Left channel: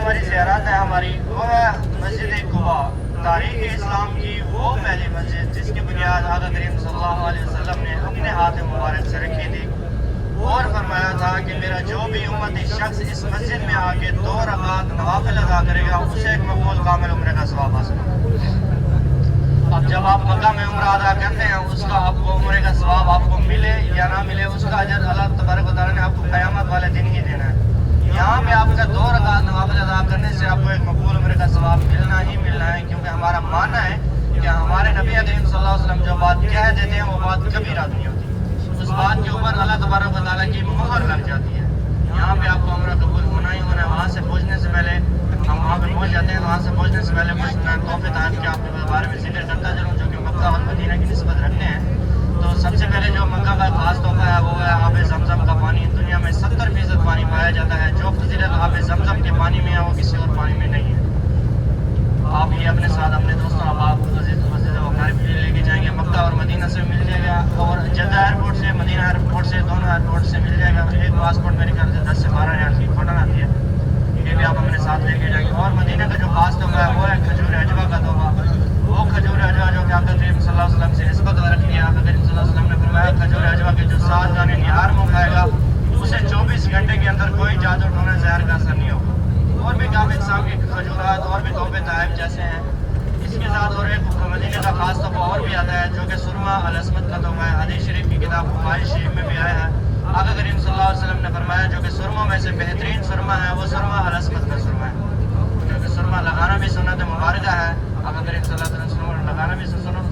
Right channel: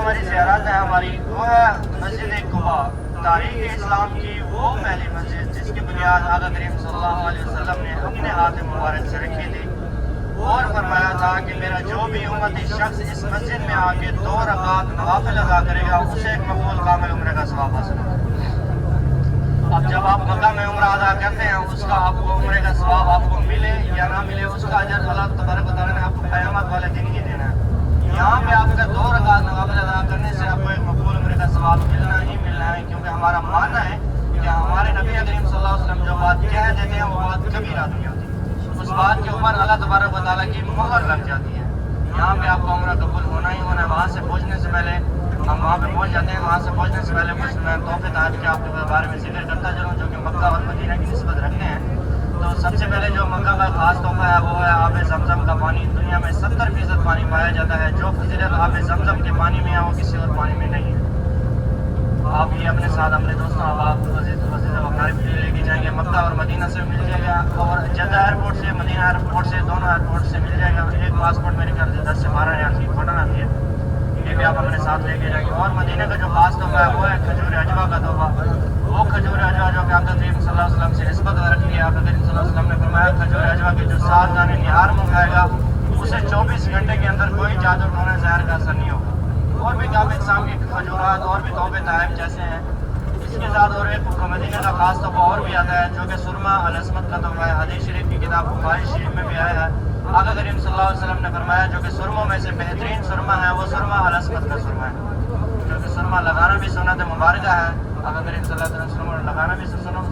हमारी ज़ियारत है हमारी वो है मस्जिद कुबा, तारीख़ इस्लाम की वो पहली मस्जिद जिसकी बुनियाद आका करीम सल्लल्लाहु अलैहि वसल्लम ने अपने हाथ मुबारक से रखी थी और फरमाया था कि मेरा जो भी उम्मती शख्स इस मस्जिद में आके 2 रकात नवाफिल अदा करेगा उसे एक मकबूल कामिल उम्र का सवाब हासिल होगा। अब जब आप मक्का में उम्र अदा करते हैं उसका आपको उम्र का सवाब आपको मिले या ना मिले उसका अजर अल्लाह तबारक व तआला ने आपको क़यामत वाले दिन ही देना है। यहाँ पे आपका 2 रकात नवाफिल अदा करने से आपको एक मकबूल उम्र का सवाब मिलना ही मिलना है, क्योंकि हमारा मानना है कि हमारे नबी करीम सल्लल्लाहु अलैहि वसल्लम जो बात कह देते हैं वो बात कभी रात नहीं होती, उस बात के ऊपर अल्लाह तबारक व तआला की मोहर लग जाती है। यहाँ पे आपको उम्र कबूल होना ही होना है। वहाँ से पहुँचने से पहले हम वहाँ पे पहुँच जाते हैं। वहाँ से पहुँचने से पहले कुछ मैं तोहफे तहत के आपके बारे में जिक्र करता चलूँ जो कि मक्का और मदीना की निस्बत रखते हैं। तो सबसे पहले जो मक्का का खास तोहफा है वो है आब ज़मज़म का पानी। दुनिया में 70% पानी पाया जाता है, जो फजीलत आब ज़मज़म के पानी में है वो किसी और पानी में नहीं है। आप ये अपने साथ अपने दोस्तों आप लेके जाएंगे, मक्का और मदीना से मिल जाएगा और जद्दा एयरपोर्ट से मदीना एयरपोर्ट से दोनों एयरपोर्ट से मिल जाएगा। एक पासपोर्ट मेरे ख्याल से 10 से 12 रियाल की कॉटन आती है, ये भी आप अपने साथ लेके जाएंगे। और मदीना का जो खास तोहफा है वो है खजूर अजवा का तोहफा। वो खजूर अजवा जो कि आका करीम सल्लल्लाहु अलैहि वसल्लम से निस्बत रखी है। आका करीम सल्लल्लाहु अलैहि वसल्लम ने फरमाया खजूर अजवा के जो 7 दाने निहार में उठाएगा उसे 24 घंटे के अंदर कोई जादू टोना जहर का असर नहीं होगा। और भी काफ़ी किस्म के खजूरात और भी तोहफे तहफ़ जैसे हैं। इसके साथ और एक मदीना का खास तोहफा और भी आता है जो कि सुरमा अल-अस्मत का तोहफा है। हदीस शरीफ की किताब बुखारी शरीफ में भी आया है। आका करीम सल्लल्लाहु अलैहि वसल्लम ने फरमाया जो कि सुरमों में से बेहतरीन सुरमा है वो सुरमा अल-अस्मत का सुरमा है, क्योंकि सुरमा लगाना भी सुन्नत मुबारक है। आका करीम सल्लल्लाहु अलैहि वसल्लम लगाना भी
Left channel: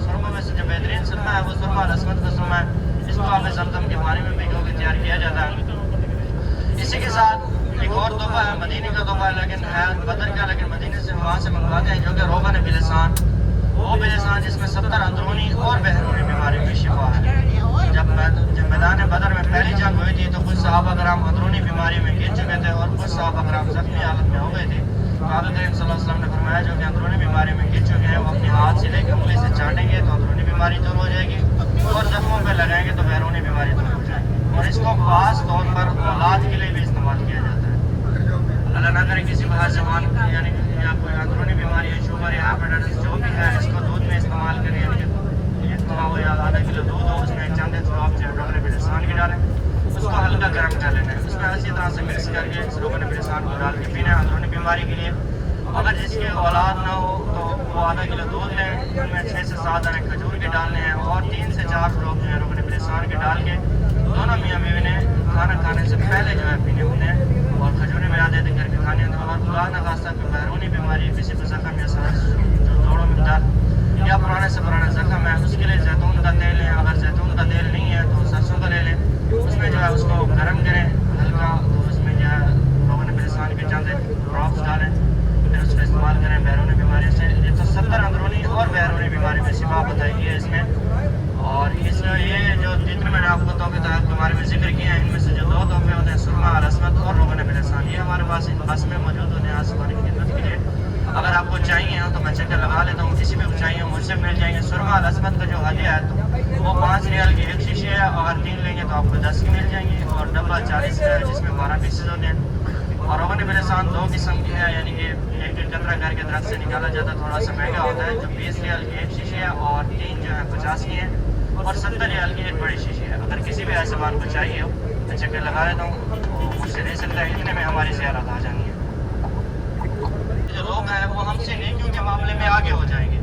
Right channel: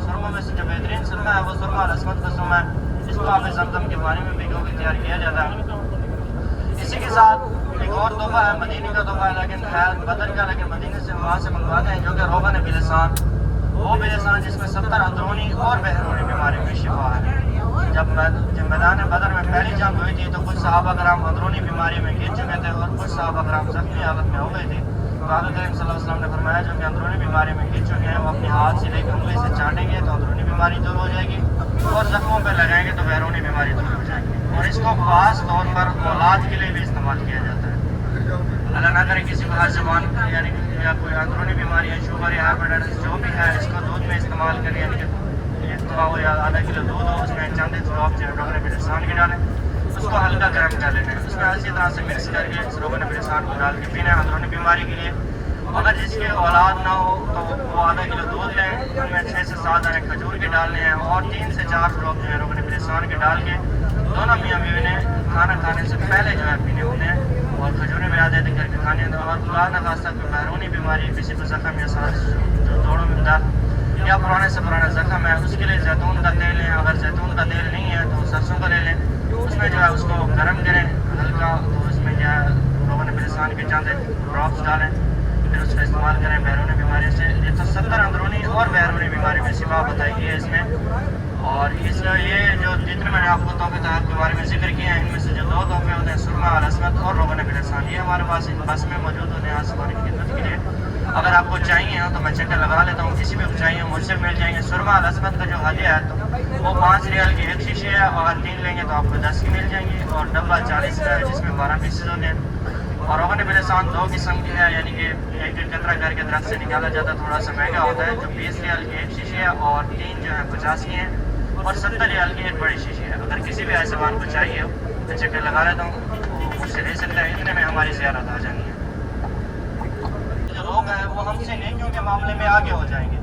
सुरमों में से जो बेहतरीन सुरमा है वो सुरमा अल-अस्मत का सुरमा है। इसको आब ज़मज़म के पानी में भिगो के तैयार किया जाता है। इसी के साथ एक और तोहफा है मदीने का तोहफा है, लेकिन है बदर का, लेकिन मदीने से वहाँ से मंगवाते हैं जो कि रोगन बिलसान। वो बिलसान जिसमें 70 अंदरूनी और बहरूनी बीमारी की शिफा है। जब मैदान बदर में पहली जंग हुई थी तो कुछ सहाबा कराम अंदरूनी बीमारी में गिर चुके थे और कुछ सहाबा कराम ज़ख्मी हालत में हो गए थे। तो आका करीम सल्लल्लाहु अलैहि वसल्लम ने फरमाया जो कि अंदरूनी बीमारी में गिर चुके हैं वो अपने हाथ से लेकर उंगली से चाटेंगे तो अंदरूनी बीमारी दूर हो जाएगी और जख्मों पर लगाएंगे तो बहरूनी बीमारी दूर हो जाएगी। और इसको खास तौर पर औलाद के लिए भी इस्तेमाल किया जाता है। अल्लाह ना करे किसी को हर ज़बान यानी या कोई अंदरूनी बीमारी है, शुगर या हाइपरटेंशन जो भी है, इसको दूध में इस्तेमाल करें। यानी कि 1 किलो या आधा किलो दूध हो उसमें चंद ड्रॉप जो रोगन बिलसान के डालें, उसको हल्का गर्म कर लेना है, उसमें अच्छी तरह से मिक्स करके इस रोगन बिलसान को डाल के पीना है अंदरूनी बीमारी के लिए। अगर जिसके औलाद ना हो तो वो आधा किलो दूध लें, उनमें 6 से 7 दाने खजूर के डालने हैं और 3 से 4 ड्रॉप जो है रोगन बिलसान के डाल के दोनों मियाँ बीवी ने खाना खाने से पहले जो है पीने होते हैं और खजूरें में आदत करके खाने हैं। और खुदा न खास्ता कोई बैरूनी बीमारी किसी को ज़ख्म या सांस जो दौड़ों में दर्द या पुराने से पुराना ज़ख्म है उसके लिए जैतून का तेल लें। अगर जैतून का तेल नहीं है तो सरसों का ले लें, उसमें जो है उसको गर्म करें हल्का, तो उसमें जो है रोगन बिलसान के चंद ड्रॉप्स डालें, फिर उसका इस्तेमाल करें बैरूनी बीमारी से। ये तो 70 अंदरूनी और बैरूनी बीमारी में शिफा बताई है इसमें। और इसलिए जो जितने मैंने आपको तोहफे तहफ़ के बारे में जिक्र किया है इनमें से जो 2 तोहफे होते हैं सुरमा अल-अस्मत और रोगन बिलसान, ये हमारे पास बस में मौजूद होते हैं आज की खिदमत के लिए। अगर आपको चाहिए हो तो मैं चक्कर लगा लेता हूँ, किसी भी को चाहिए मुझसे मिल जाएंगे। सुरमा अल-अस्मत का जो हदिया है वो 5 रियाल की एक शीशे है, अगर 3 लेंगे तो आपको 10 की मिल जाएंगी और डब्बा 40 का है जिसमें 12 पीसेज होते हैं। और रोगन बिलसान 2 किस्म की है, यानी कि एक कतरा करके दरख्त से निकाला जाता है, थोड़ा सा महंगा होता है, जो 20 रियाल की एक शीशे है और 3 जो है 50 की है और 70 रियाल की एक बड़ी शीशी है। अगर किसी भी ऐसे वाहन को चाहिए हो तो चक्कर लगा लेता हूँ, तो मुझसे ले सकता है, इतने में हमारी ज़ियारत आ जानी है। जो लोग हैं वो हमसे नेकियों के मामले में आगे हो जाएंगे,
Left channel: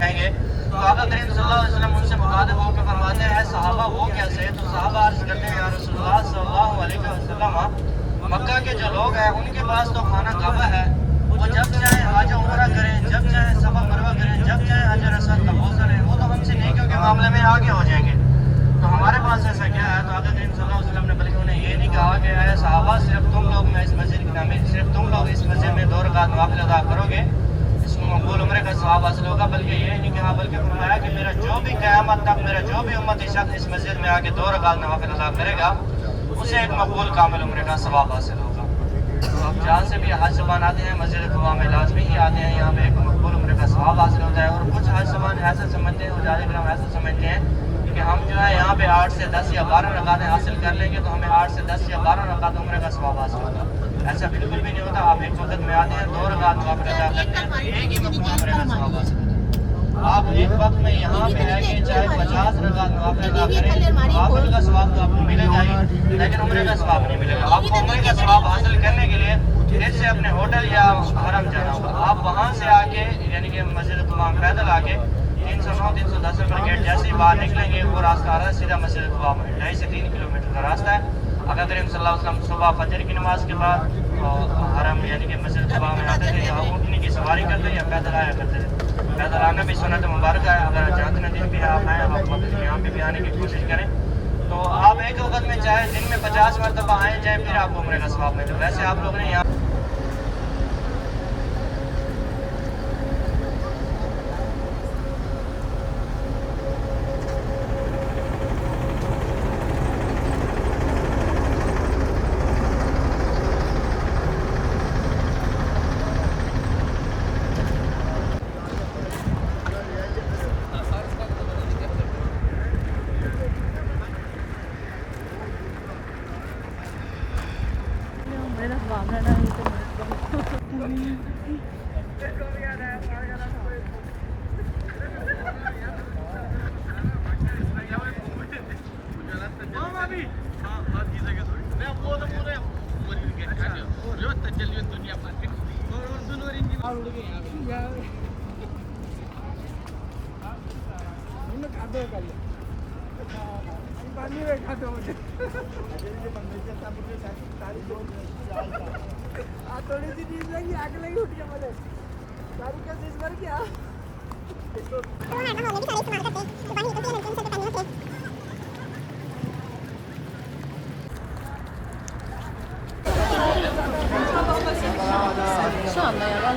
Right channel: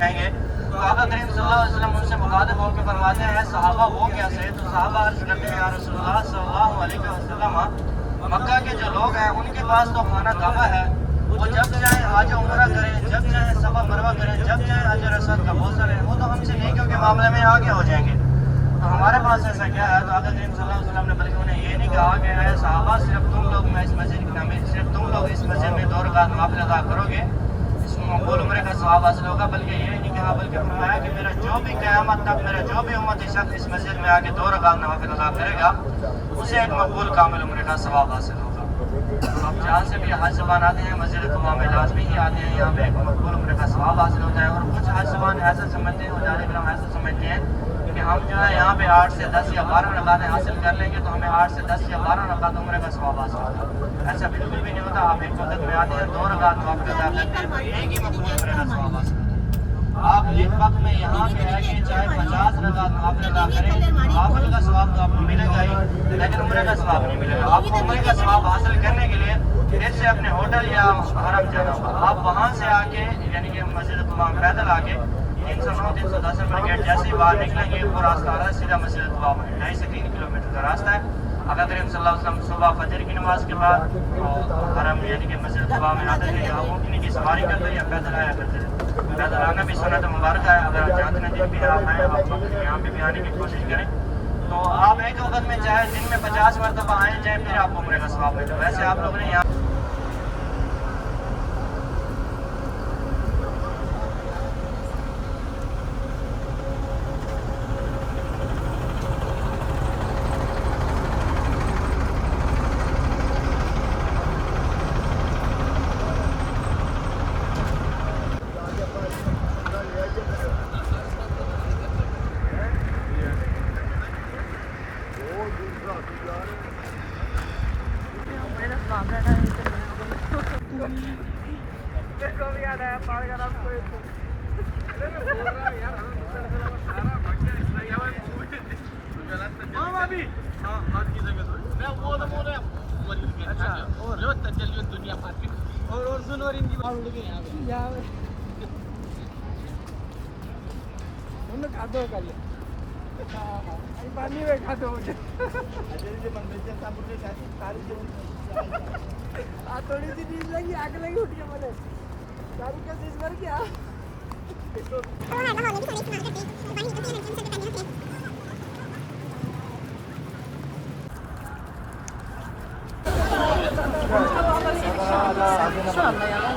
कहेंगे तो आका करीम सल्लल्लाहु अलैहि वसल्लम उनसे मुखातिब होकर फरमाते हैं सहाबा वो कैसे? तो सहाबा अर्ज़ करते हैं या रसूलुल्लाह सल्लल्लाहु अलैहि वसल्लम मक्का के जो लोग हैं उनके पास तो खाना काबा है, वो जब चाहे हज उम्रा करें, जब चाहे सफा मरवा करें, जब चाहे अजर असर कबूल करें, वो तो हमसे नेकियों के मामले में आगे हो जाएंगे। तो हमारे पास ऐसा क्या है? तो आका करीम सल्लल्लाहु अलैहि वसल्लम ने बल्कि उन्हें ये नहीं कहा कि है सहाबा सिर्फ तुम लोग में इस मस्जिद की तामीर, सिर्फ तुम लोग इस मस्जिद में 2 रकात नवाफिल अदा करोगे इसको मकबूल उम्र का सवाब हासिल होगा, बल्कि ये नहीं कहा, बल्कि फरमाया कि मेरा जो भी क़यामत तक मेरा जो भी उम्मती शख्स इस मस्जिद में आके 2 रकात नवाफिल अदा करेगा उसे एक मकबूल कामिल उम्र का सवाब हासिल होगा। आप जहाँ से भी हज ज़बान आते हैं मस्जिद कुबा में लाजमी ही आते हैं, यहाँ पे एक मकबूल उम्र का सवाब हासिल होता है। और कुछ हज ज़बान ऐसा समझते हैं, मुजाहिद ऐसा समझते हैं कि हम जो है यहाँ पे 8 से 10 या 12 रकातें हासिल कर लेंगे तो हमें 8 से 10 या 12 रकात उम्र का सवाब हासिल होगा। ऐसा बिल्कुल भी नहीं होता। आप एक वक्त में आते हैं ایک وقت میں یہاں پہ ہے کہ چاہے 50 رکعت نوافل ادا کریں، نوافل کا ثواب تو آپ کو ملے گا ہی، لیکن عمرے کا ثواب نہیں ملے گا. آپ کو عمرے کا ثواب حاصل کرنے کے لیے پھر سے اپنے ہوٹل یا حرم جانا ہوگا. آپ وہاں سے آ کے یعنی کہ مسجد طواف پیدل آ کے 309 310 نمبر گیٹ جیسے ہی باہر نکلیں گے وہ راستہ آ رہا ہے سیدھا مسجد طواف ہے. 2.5 سے 3 کلومیٹر کا راستہ ہے. اگر کریم صلی اللہ علیہ وسلم صبح فجر کی نماز کے بعد حرم یعنی کہ مسجد طواف میں آتے تھے یا اونٹنی کی سواری کرتے یا پیدل آیا کرتے تھے. پیدل آنا بھی سنت مبارکہ ہے. اگر جتنے دن بھی آپ آئیں آپ وقت یہاں پہ بھی آنے کی کوشش کریں تو آپ ایک وقت میں چاہے دن میں 50 مرتبہ آئیں جائیں پھر آپ کو عمرے کا ثواب ملے. ویسے آپ لوگ نے یہاں थोड़ी सी चीज लगी आग लगी उठ गया मैंने सारी का चीज मर गया इंशाल्लाह यार